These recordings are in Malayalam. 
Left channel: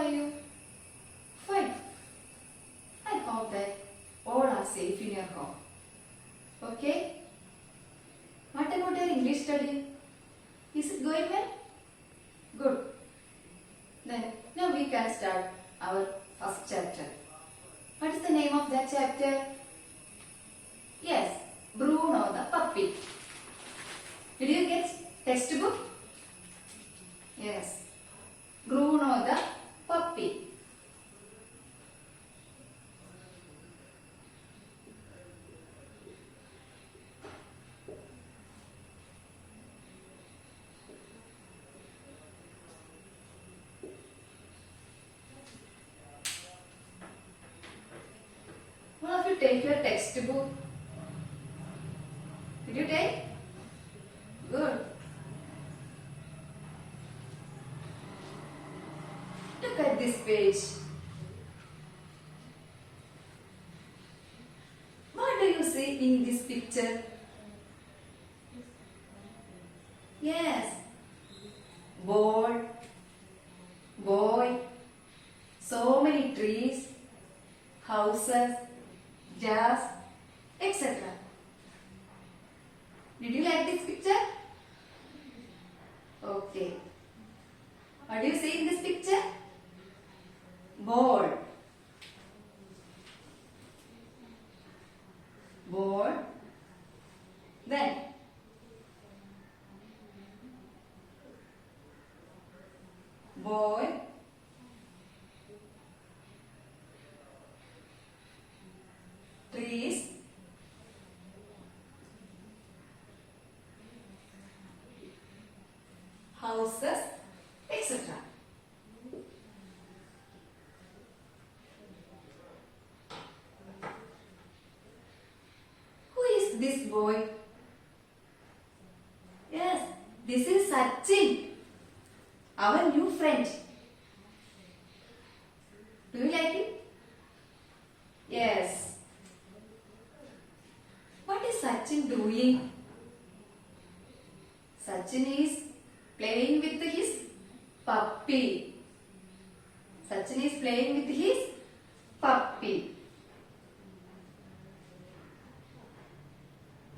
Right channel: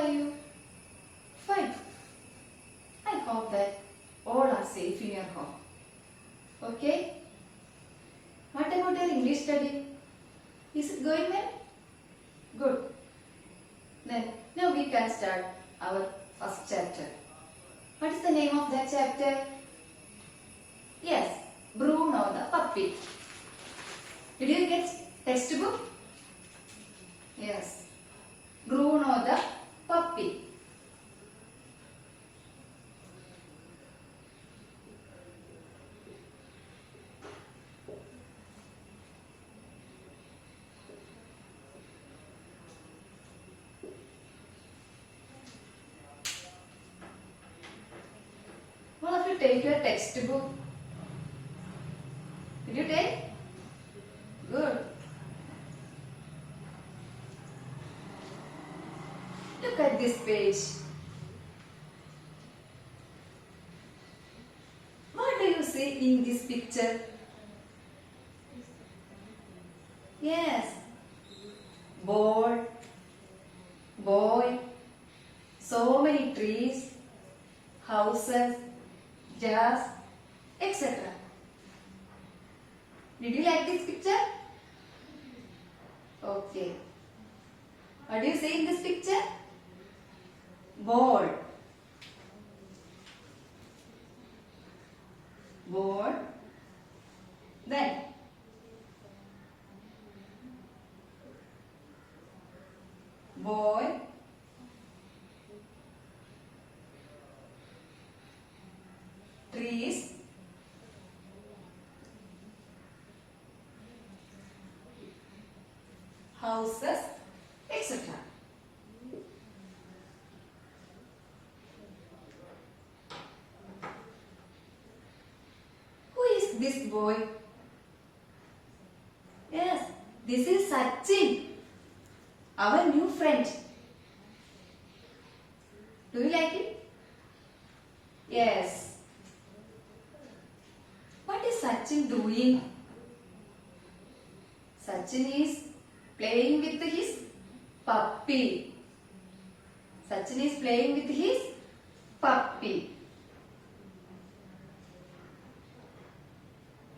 are you? Fine. I hope that all are safe in your home. Okay? What about your English study? Is it going well? Good. Then now we can start our first chapter. What is the name of that chapter? Yes, Bruno the puppy. Did you get textbook? Yes, Bruno the puppy. All of you take your textbook. Did you take? Good. Look at this page. What do you see in this picture? Yes. Ball, boy, so many trees, houses, jars, etc. Did you like this picture? Okay. What do you see in this picture? Ball. Ball. Then boy. Trees. Houses, etc. Who is this boy? Yes, this is Sachin, our new friend. Do you like him? Yes. What is Sachin doing? Sachin is playing with his puppy. Sachin is playing with his puppy.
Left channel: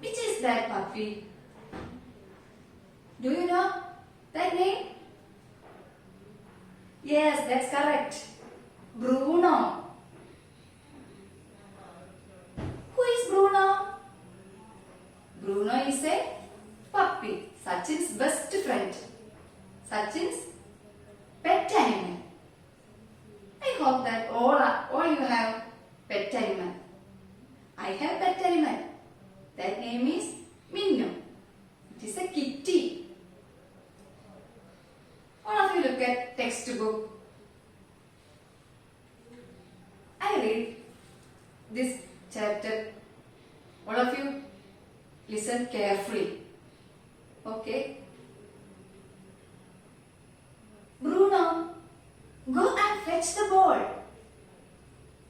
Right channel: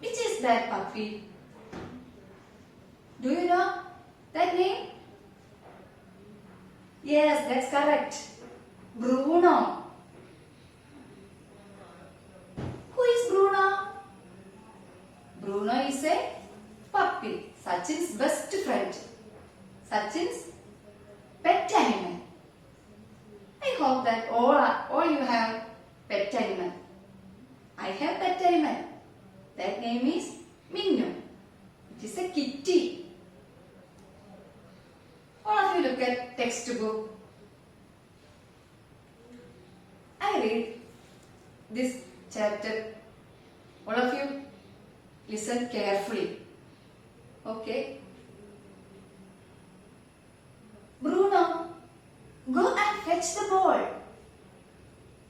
Which is that puppy? Do you know that name? Yes, that's correct. Bruno. Who is Bruno? Bruno is a puppy. Sachin's best friend. Sachin's pet animal. I hope that all you have pet animal. I have pet animal. That name is Minnu. It is a kitty. All of you look at textbook. I read this chapter. All of you listen carefully. Okay. Bruno, go and fetch the ball.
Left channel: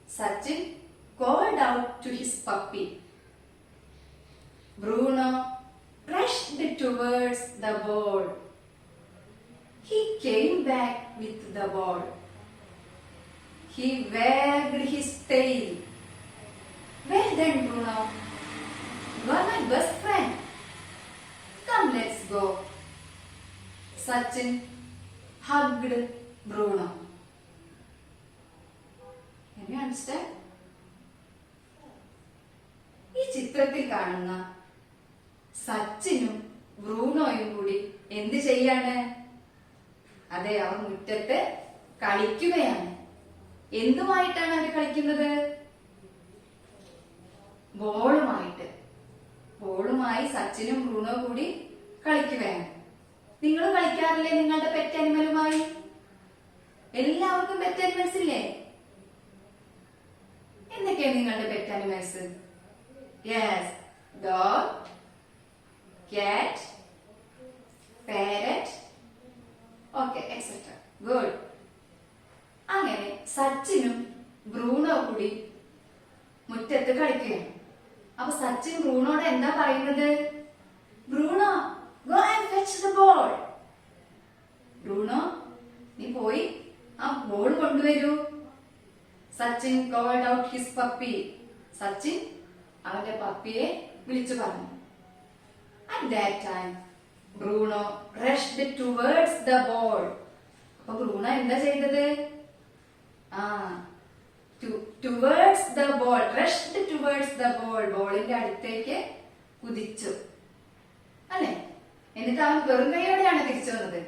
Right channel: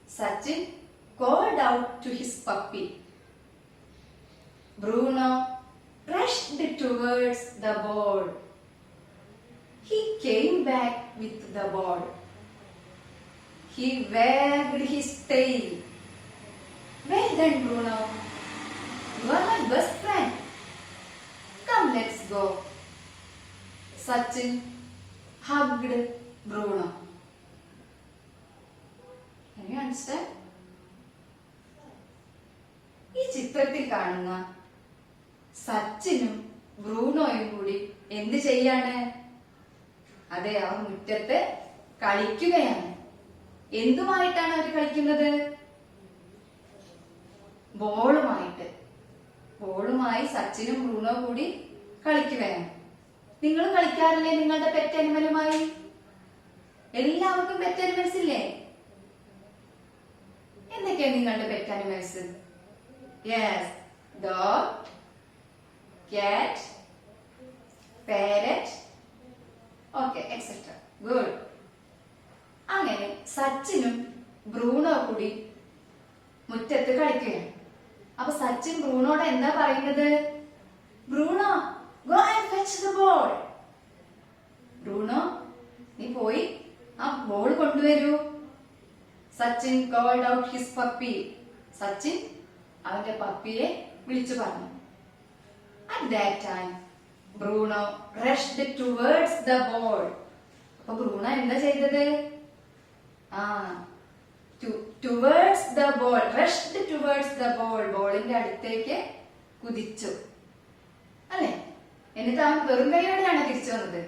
Sachin called out to his puppy. Bruno rushed towards the ball. He came back with the ball. He wagged his tail. Well then, Bruno, you are my best friend. Come, let's go. Sachin hugged Bruno. Can you understand? ഈ ചിത്രത്തിൽ കാണുന്ന സച്ചിനും ബ്രൂണോയും കൂടി എന്ത് ചെയ്യാണ്? അതെ, അവർ മുറ്റത്ത് കളിക്കുകയാണ്. എന്തുമായിട്ടാണ് അവർ കളിക്കുന്നത്? ബോളുമായിട്ട്. ബോളുമായി സച്ചിനും ബ്രൂണോ കൂടി കളിക്കുകയാണ്. നിങ്ങളും കളിക്കാറില്ലേ നിങ്ങളുടെ പെറ്റ് അനിമലുമായി? എല്ലാവർക്കും പെറ്റ് അനിമൽസ് ഇല്ലേ? എന്തൊക്കെയാണ് നിങ്ങളുടെ പെറ്റ് അനിമൽസ്? യെസ്, ഡോഗ്, കാറ്റ്, പാരറ്റ്, ഓക്കെ, എക്സെട്ര. ഗുഡ്. അങ്ങനെ സച്ചിനും ബ്രൂണോ കൂടി മുറ്റത്ത് കളിക്കുകയാണ്. അപ്പൊ സച്ചിൻ ബ്രൂണോട് എന്താ പറയുന്നത്? Bruno, go and fetch the ball. Bruno, നീ പോയി ആ ബോൾ കൊണ്ടുവരൂ. Sachin called out his puppy. Sachin അവന്റെ പപ്പിയെ വിളിച്ചു പറഞ്ഞു. At that time, Bruno rushed towards the ball. അപ്പൊ ബ്രൂണോ എന്താ ചെയ്തത്? towards the ball, rushed towards the ball. ബോളിന്റെ അടുത്തേക്ക് കുതിച്ചു അല്ലെ? എന്നിട്ട് അവൻ വെറും കൈയോടെയാണ് തിരിച്ചു വന്നത്?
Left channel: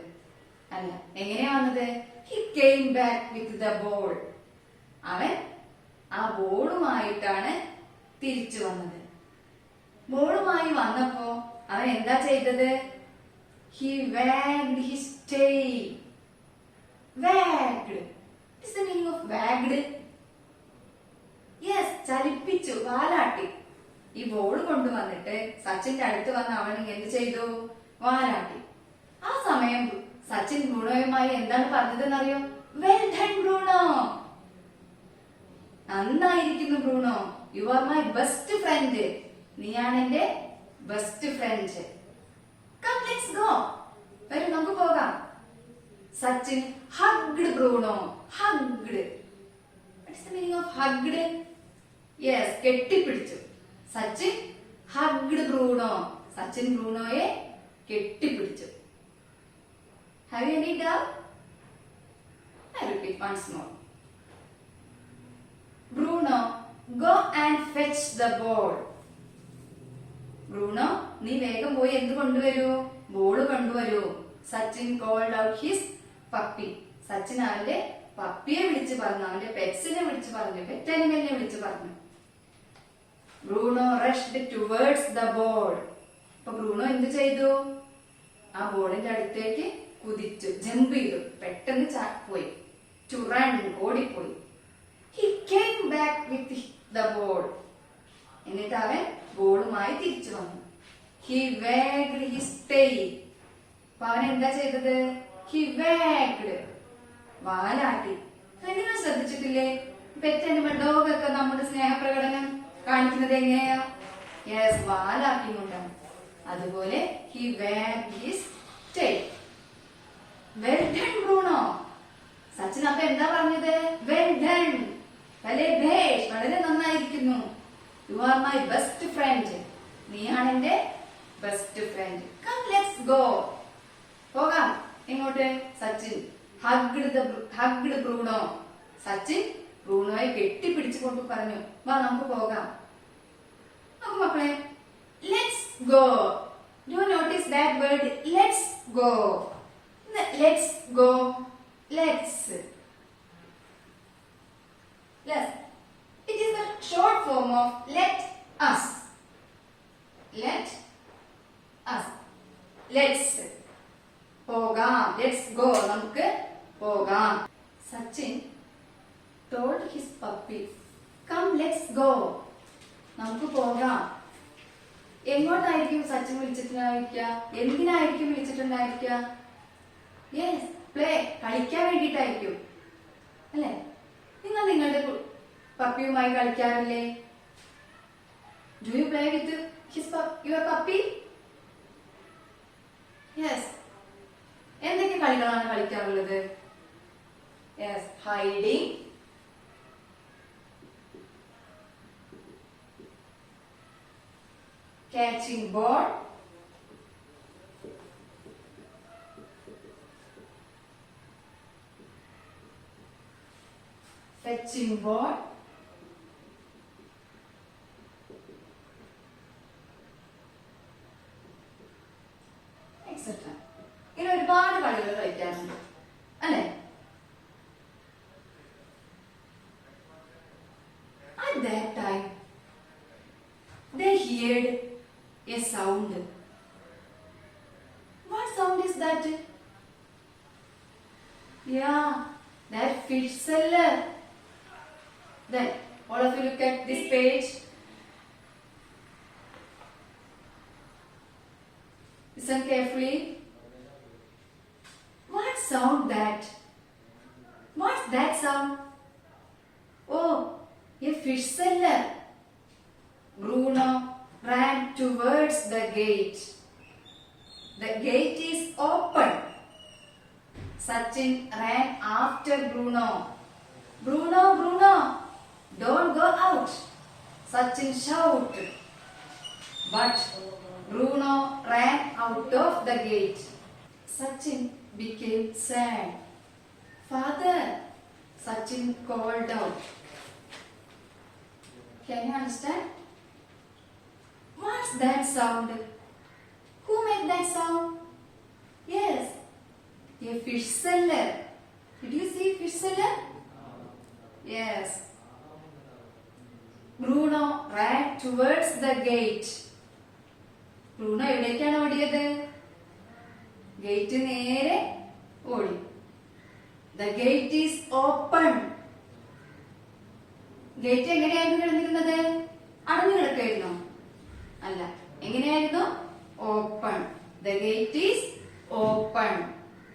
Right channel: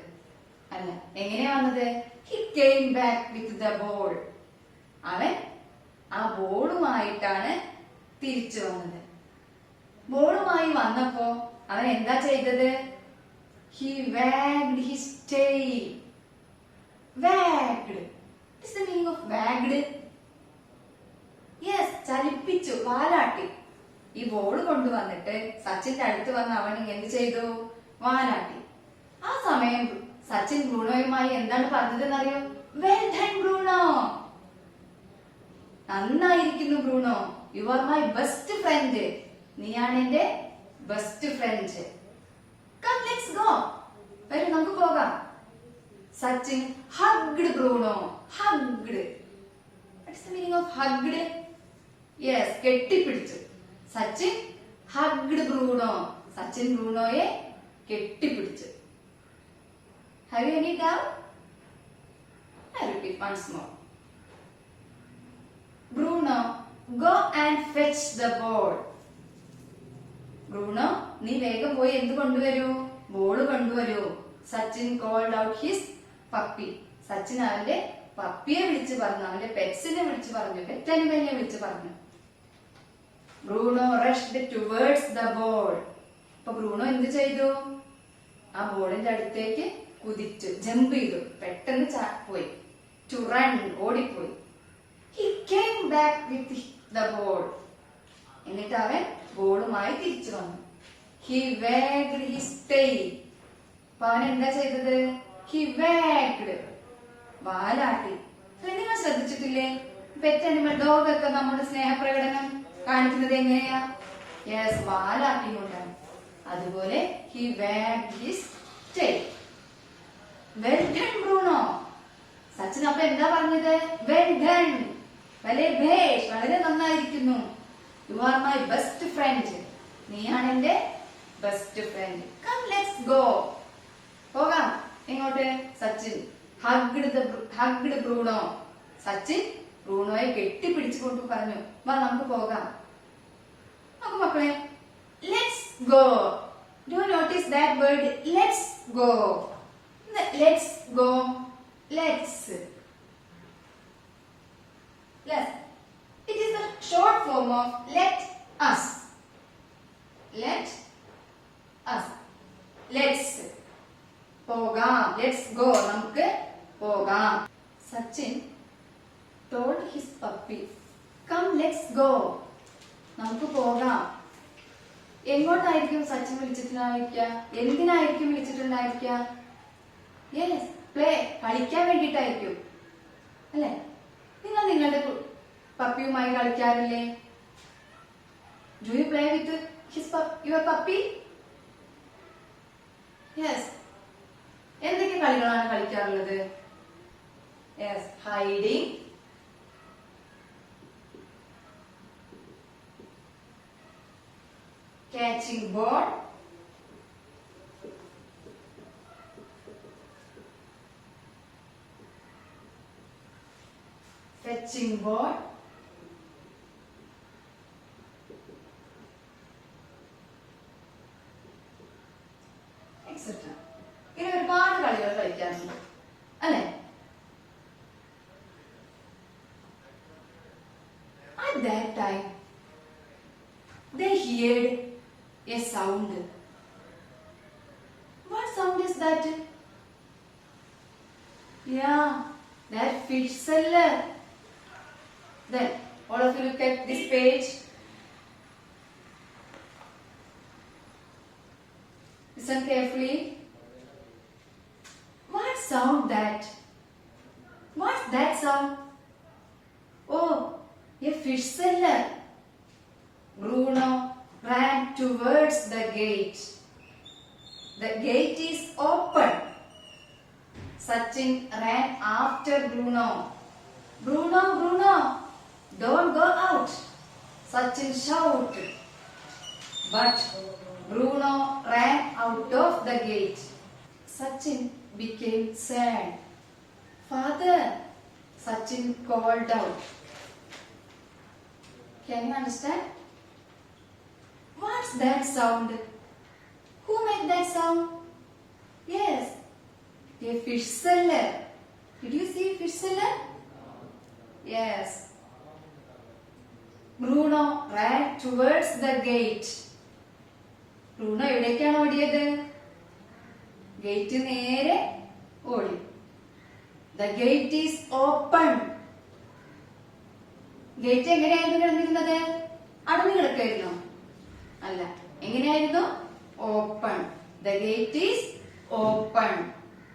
അല്ല. എങ്ങനെയാ വന്നത്? He came back with the ball. അവൻ ആ ബോളുമായിട്ടാണ് തിരിച്ചു വന്നത്. ബോളുമായി വന്നപ്പോ അവൻ എന്താ ചെയ്തത്? He wagged his tail. Wagged. What is the meaning of wagged? Yes, ചലിപ്പിച്ചു, വാലാട്ടി. ഈ ബോൾ കൊണ്ടുവന്നിട്ട് സച്ചിന്റെ അടുത്ത് വന്ന് അവൻ എന്ത് ചെയ്തു? വാലാട്ടി. ആ സമയം സച്ചിൻ ബ്രൂണോയുമായി എന്താണ് പറഞ്ഞതെന്നറിയോ? Well done Bruno. നന്നായിരിക്കുന്നു Bruno. You are my best friend. നീയാണ് എന്റെ best friend. Come let's go. വരൂ നമുക്ക് പോകാം. Sachin hugged Bruno. Hugged. What is the meaning of hugged? Yes, കെട്ടിപ്പിടിച്ചു. Sachin hugged Bruno. സച്ചിൻ ബ്രൂണോയെ കെട്ടിപ്പിടിച്ചു. Have you any doubt? I repeat once more. Bruno, go and fetch the ball. Bruno, നീ വേഗം പോയി എന്ത് കൊണ്ടുവരൂ? ബോൾ കൊണ്ടുവരൂ. Sachin called out his puppy. Sachin അവന്റെ പപ്പിയെ വിളിച്ചു പറഞ്ഞു, അവന്റെ പെറ്റ്സിനെ വിളിച്ചു പറഞ്ഞു, പെറ്റ് അനിമലിനെ വിളിച്ചു പറഞ്ഞു. Bruno rushed towards the ball. അപ്പൊ ബ്രൂണോ എന്ത് ചെയ്തു? ആ ബോളിന്റെ അടുത്തേക്ക് കുതിച്ചു, ജമ്പ് ചെയ്തു, പെട്ടെന്ന് പോയി. To run, ഓടിപ്പോയി. He came back with the ball. എന്നിട്ട് അവൻ ബോളുമായി തിരിച്ചു വന്നു. He wagged his tail. അപ്പൊ അവൻ എന്താ ചെയ്തത്? He wagged. വാലാട്ടി. നിങ്ങൾ ശ്രദ്ധിച്ചിട്ടില്ലേ? പെറ്റ് അനിമൽ ഡോഗ് ഒക്കെ നമ്മുടെ സ്നേഹപ്രകടനം കാണിക്കുന്നത് എങ്ങനെയാ? യെസ്, വാലാട്ടി കൊണ്ടാണ്. അതുപോലെ he wagged his tail. Well done, Bruno. Sachin അപ്പൊ എന്താ പറഞ്ഞത്? Well done. വളരെ നന്നായിരിക്കുന്നു. You are my best friend. നീയാണ് എന്റെ best friend. Come let's go. പോകാം. എങ്ങോട്ട്? Sachin hugged Bruno. സച്ചിൻ ബ്രൂണോയെ കെട്ടിപ്പിടിച്ചു കൊണ്ട് പറഞ്ഞു, വാ നമുക്ക് പോകാം. അപ്പൊ മക്കളെ, let's go. Do notice that word let's go. Let's go. Let's. It is the short form of let us. Let us. Let's. പോകാം. Let's go. നമുക്ക് പോകാം. Sachin told his puppy, come let's go. നമുക്ക് പോകാം. എങ്ങോട്ടായിരിക്കും സച്ചിൻ വിളിച്ചിട്ടുണ്ടായിരിക്കുക? എന്തിനായിരിക്കും വിളിച്ചിട്ടുണ്ടായിരിക്കുക? യെസ്, പ്ലേ, കളിക്കാൻ വേണ്ടിയിട്ടായിരിക്കും അല്ലെ? നിങ്ങൾ നിങ്ങളുടെ പപ്പിയുമായി കളിക്കാറില്ലേ? Do you play with your puppy? Yes. എന്തൊക്കെ കളികളാണ് കളിക്കാറുള്ളത്? Yes, hiding, catching ball, fetching ball, etc. ഇങ്ങനെ ഒരുപാട് കളികൾ കളിക്കാറുണ്ട് അല്ലെ? At that time, they heard a sound. What sound is that? Yeah, that fish seller. Then, all of you look at this page. Listen carefully. What sound that? What's that sound? Oh, a fish seller. Bruno ran towards the gate. The gate is open. Sachin ran after Bruno. Bruno, Bruno, don't go out. Sachin shouted. But Bruno ran out of the gate. Sachin became sad. Father, Sachin called out. Can you understand? What's that sound? Who made that sound? Yes, a fish seller. Did you see fish seller? Yes. Bruno ran towards the gate. Bruno എവിടേക്കാണ് ഓടിയത്? ഗേറ്റ് നേരെ ഓടി. The gate is open. Gate എങ്ങനെയായിരുന്നു കിടന്നിരുന്നത്? അടഞ്ഞു കിടക്കായിരുന്നോ? അല്ല, എങ്ങനെയായിരുന്നു? Open. The gate is open.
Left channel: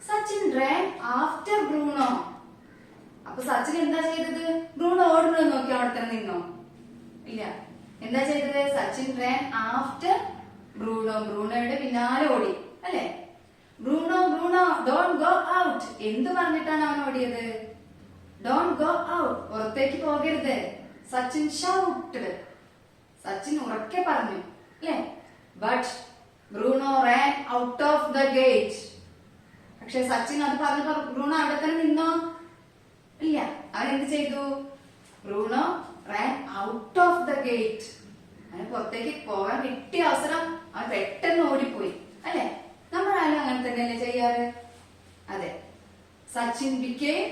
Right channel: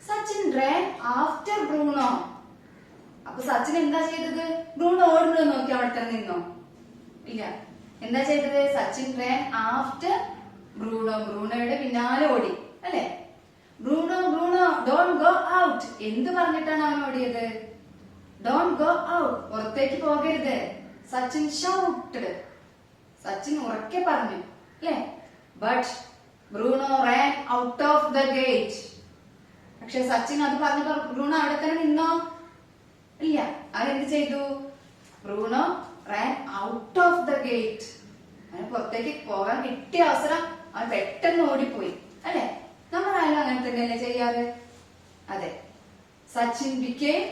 Sachin ran after Bruno. അപ്പൊ സച്ചിൻ എന്താ ചെയ്തത്? ബ്രൂണോ ഓടുന്നത് നോക്കി അവിടെ തന്നെ നിന്നോ? ഇല്ല. എന്താ ചെയ്തത്? Sachin ran after Bruno. ബ്രൂണോയുടെ പിന്നാലെ ഓടി, അല്ലെ? Bruno, Bruno, don't go out. എന്ത് പറഞ്ഞിട്ടാണ് അവൻ ഓടിയത്? Don't go out. പുറത്തേക്ക് പോകരുത്. സച്ചിൻ shouted. സച്ചിൻ ഉറക്കെ പറഞ്ഞു, അല്ലെ? But Bruno ran out of the gate. പക്ഷെ സച്ചിൻ അത് പറഞ്ഞപ്പോ ബ്രൂണോ അവിടെ തന്നെ നിന്നോ? ഇല്ല. അവൻ എന്ത് ചെയ്തു? Bruno ran out of the gate. അവന് പുറത്തേക്ക് പോകാൻ കിട്ടിയ അവസരം അവൻ പെട്ടെന്ന് ഓടിപ്പോയി, അല്ലെ? നമ്മളാരും അങ്ങനെ തന്നെയല്ലേ ചെയ്യാറ്? അതെ. Sachin became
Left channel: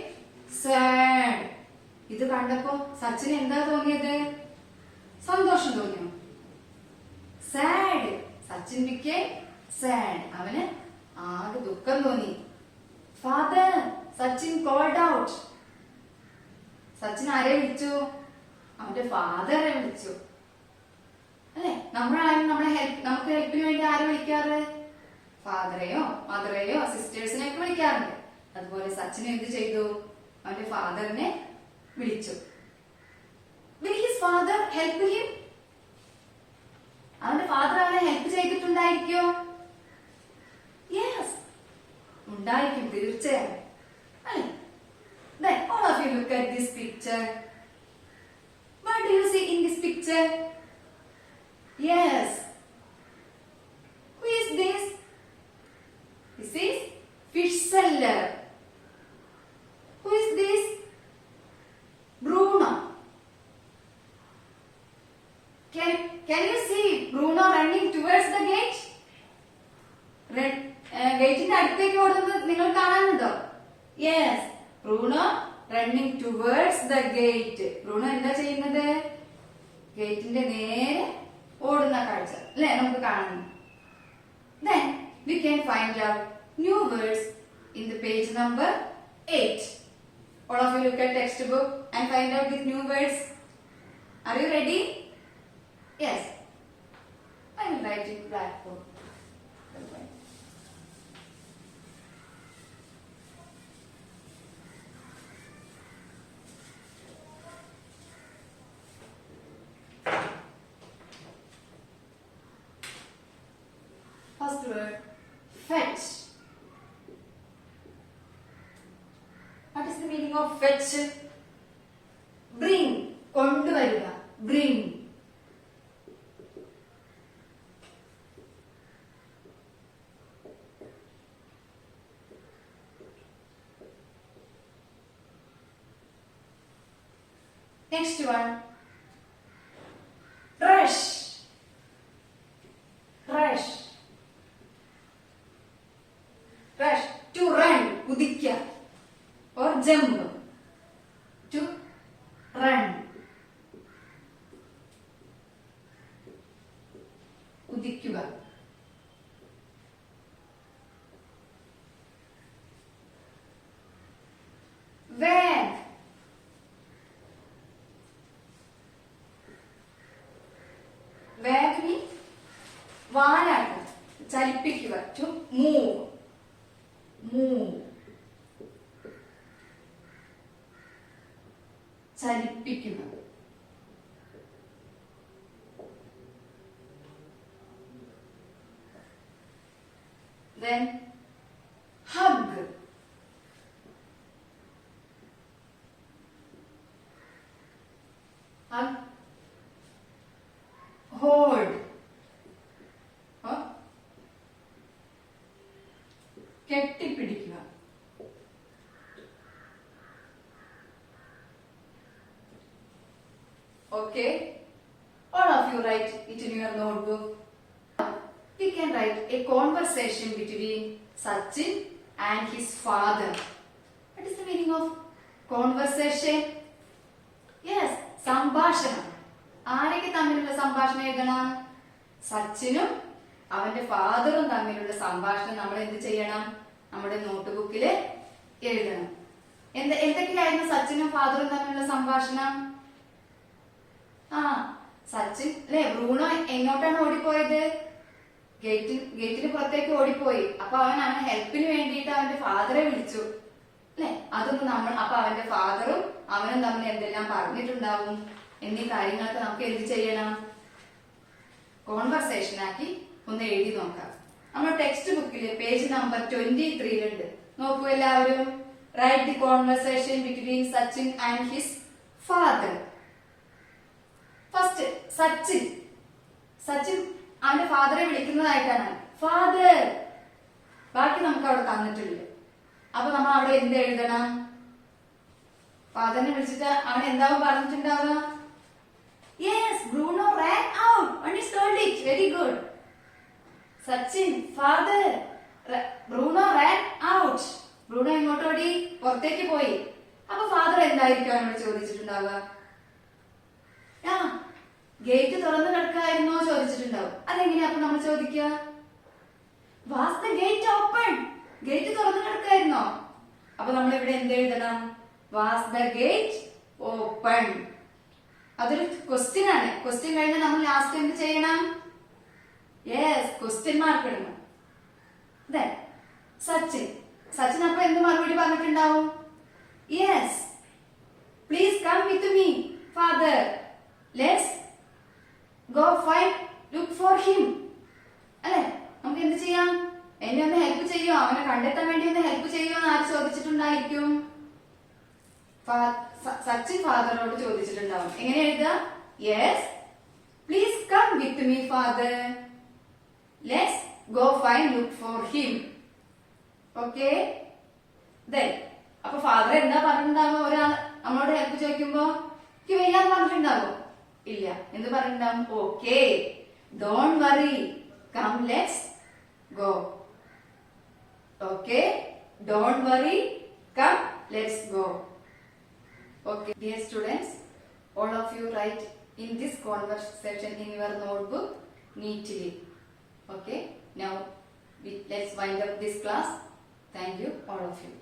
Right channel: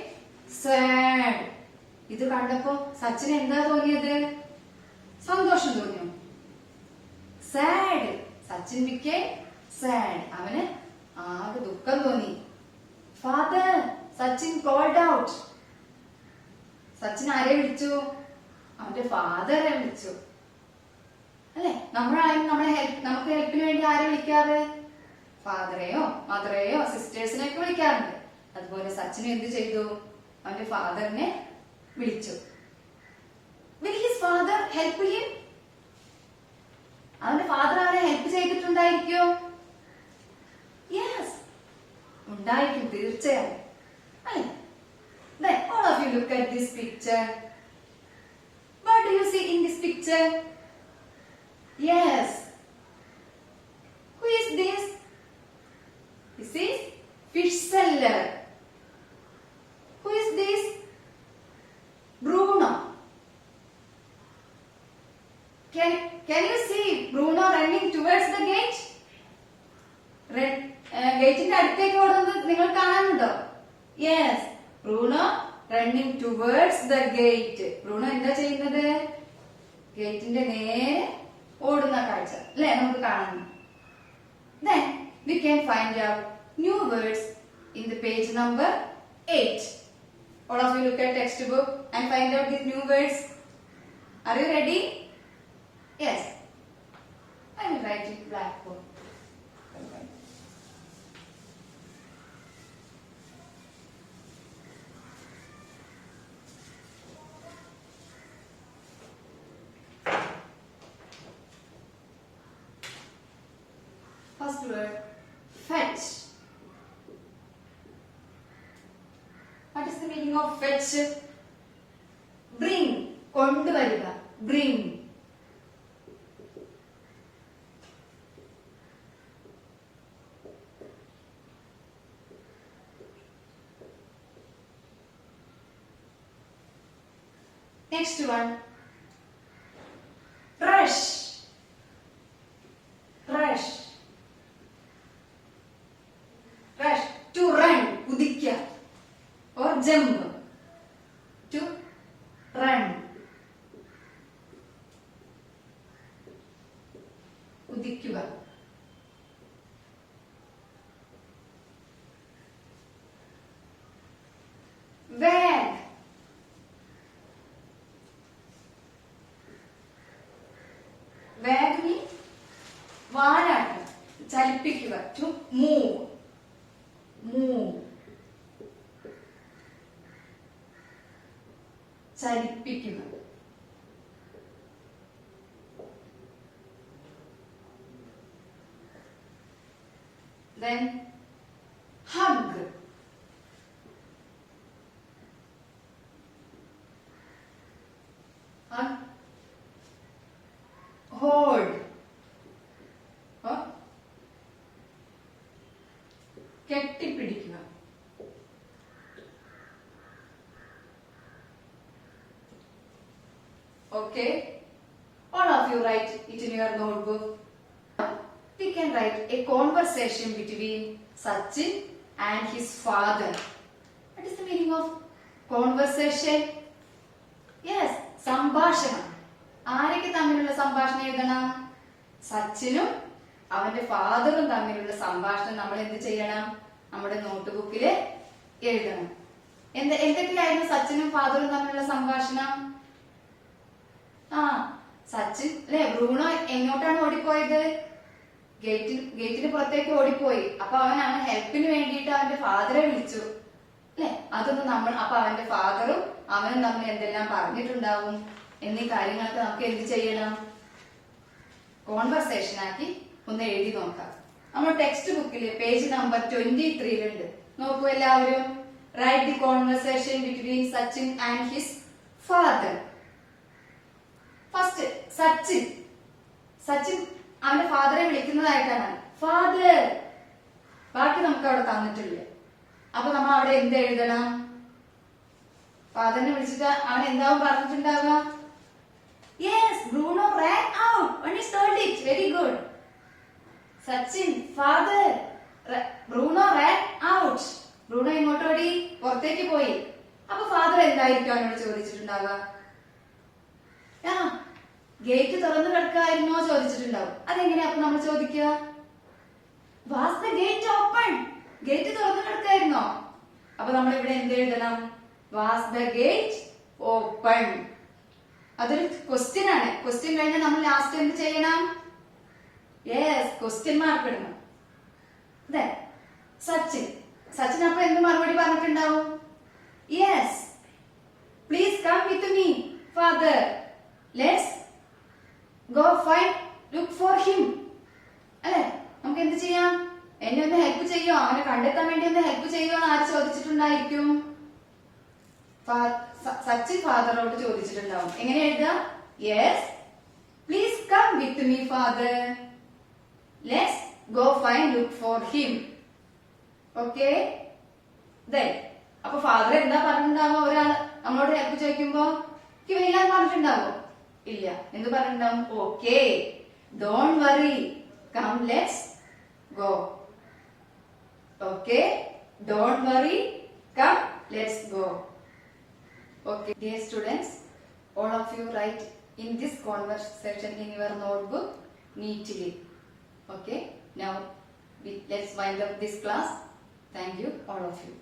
sad. ഇത് കണ്ടപ്പോ സച്ചിന് എന്താ തോന്നിയത്? സന്തോഷം തോന്നിയോ? Sad. Sachin became sad. അവന് ആകെ ദുഃഖം തോന്നി. Father, Sachin called out. Sachin ആരെ വിളിച്ചു? അവന്റെ ഫാദറെ വിളിച്ചു, അല്ലെ? നമ്മളാരും നമുക്ക് ഹെൽപ്പിന് വേണ്ടി ആരെ വിളിക്കാറ്? ഫാദറെയോ മദറെയോ സിസ്റ്റേഴ്സിനെയൊക്കെ വിളിക്കാറുണ്ട്. അതുപോലെ സച്ചിൻ എന്ത് ചെയ്തു? അവന്റെ ഫാദറിനെ വിളിച്ചു. Will his father help him? അവന്റെ ഫാദർ അവനെ ഹെൽപ്പ് ചെയ്തിട്ടുണ്ടായിരിക്കോ? യെസ്, ഉണ്ടായിരിക്കും, തീർച്ചയായും, അല്ലെ? Then all of you look at this picture. What do you see in this picture? Yes. Who is this? This is fish seller. Who is this? Bruno. Can you see Bruno running towards the gate? ഗേറ്റിന്റെ അടുത്തേക്ക് ഓടുന്നത് നിങ്ങൾ കാണാനുണ്ടോ? Yes, Bruno running towards the gate. Bruno എന്താ ചെയ്യുന്നത്? ഗേറ്റിന്റെ നേരെ ഓടുന്ന കാഴ്ച, അല്ലെ? നമുക്ക് കാണുന്നു. Then we can find out new words in the page number 8. All of you look at textbook and find out these new words. Are you ready? Yes. I will write it blackboard. First word, fetch. What is the meaning of fetch? Bring. കൊണ്ടുവരിക. Bring. Next one, rush. Rush. Rush. To run. കുതിക്കുക. Or jump. To run. കുതിക്കുക. Wag. Wag means വാലാട്ടുക, ചലിപ്പിക്കുക. To move. Move. ചലിപ്പിക്കുക. Then hug. കെട്ടിപ്പിടിക്കുക. Okay, all of you write it in your notebook. We can write a conversation between Sachin and his father. What is the meaning of conversation? Yes, സംഭാഷണം. ആരൊക്കെ തമ്മിലുള്ള സംഭാഷണം എഴുതണം? സച്ചിനും അവന്റെ ഫാദറും തമ്മിലുള്ള സംഭാഷണം നമ്മൾ എന്ത് ചെയ്യണം? നമ്മുടെ നോട്ട്ബുക്കിൽ എഴുതണം. എന്തൊക്കെയായിരുന്നു സച്ചിനും ഫാദറും തമ്മിലുള്ള സംഭാഷണം? സച്ചിൻ അല്ലെ, ബ്രൂണോ എങ്ങോട്ടാണ് ഓടിപ്പോയത്? ഗേറ്റിന് പുറത്തേക്ക് ഓടിപ്പോയി. അപ്പൊ അവനാണ് ഹെൽപ്പിന് വേണ്ടിയിട്ട് അവന്റെ ഫാദറെ വിളിച്ചു അല്ലെ. അതൊന്നും അപ്പൊ അവന്റെ ഫാദറും അവനും തമ്മിൽ എന്തെല്ലാം പറഞ്ഞിട്ടുണ്ടാവും എന്നീ കാര്യങ്ങളൊക്കെ നമുക്ക് എന്ത് ചെയ്യണം? കോൺവെർസേഷൻ ആക്കി ഒന്ന് എഴുതി നോക്കാം. നമ്മൾ ടെക്സ്റ്റ് ബുക്കിൽ പേജ് നമ്പർ 23 നോക്കൂ എല്ലാവരും. Write the conversation between Sachin and his father. First Sachin അവന്റെ ഫാദറെ വിളിക്കുന്നതായിട്ടാണ് ഫാദർ. ബാക്കി നമുക്ക് അവിടെ തന്നിട്ടില്ലേ. അപ്പൊ നമ്മൾ അവിടെ എന്ത് എഴുതണം? ഫാദറിനെ വിളിച്ചിട്ട് അവൻ എന്താവും പറഞ്ഞിട്ടുണ്ടാവുക? Yes, Bruno ran out when he told it. Very good. Sachin father, Bruno ran out. Bruno എങ്ങോട്ട് ഓടി? പുറത്തേക്ക് പോയി. അപ്പൊ ഫാദർ എന്തായിരിക്കും അവനോട് ചോദിച്ചിട്ടുണ്ടാവുക? ഗേറ്റ് തുറന്നു കിടക്കായിരുന്നോ ചോദിച്ചിട്ടുണ്ടാവും. അതെങ്ങനെയാ അപ്പൊ നമ്മൾ ചോദിക്കുക? Was the gate open? Gate തുറന്നു കിടക്കായിരുന്നോ? അപ്പൊ നമ്മൾ ഇവിടെ എന്ത് എഴുതണം? Was the gate open. അതൊരു ക്വസ്റ്റ്യൻ ആണ്. ക്വസ്റ്റ്യൻ കഴിഞ്ഞാൽ നമ്മൾ ലാസ്റ്റ് എന്ത് ചെയ്യണം? യെസ്, ക്വസ്റ്റ്യൻ മാർക്ക് ഇടണം. സച്ചിൻ അപ്പൊ എന്ത് മറുപടി പറഞ്ഞിട്ടുണ്ടാവും? Yes, please come with me father, let's go find look for him. അല്ലെ, നമുക്ക് എന്ത് ചെയ്യാം? എന്നെ ഒന്ന് ഹെൽപ്പ് ചെയ്യോ? അവനെ കണ്ടെത്താൻ വേണ്ടി ഒന്ന് ഹെൽപ്പ് ചെയ്യോ എന്ന് ആര് ചോദിച്ചിട്ടുണ്ടായിരിക്കും? സച്ചിൻ ഫാദറിനോട് ചോദിച്ചിട്ടുണ്ടാവും. എങ്ങനെ എഴുതുക? Yes, please come with me father, let's go find look for him. Okay, അപ്പൊ ഫാദർ എന്താ പറഞ്ഞിട്ടുണ്ടാവുക? ഒരാൾ നമ്മളോട് ഹെൽപ്പ് ചോദിക്കുമ്പോ ഇയാൾ പറഞ്ഞിട്ടുണ്ടാവോ? ഇല്ല. എന്ത് പറഞ്ഞിട്ടുണ്ടാവും? Okay, don't worry, come let's go. Okay, don't worry, come let's go. Okay, dear students, all of you write in this conversation in your notebook neatly. Okay, now let's wind up this class. Thank you, all of you.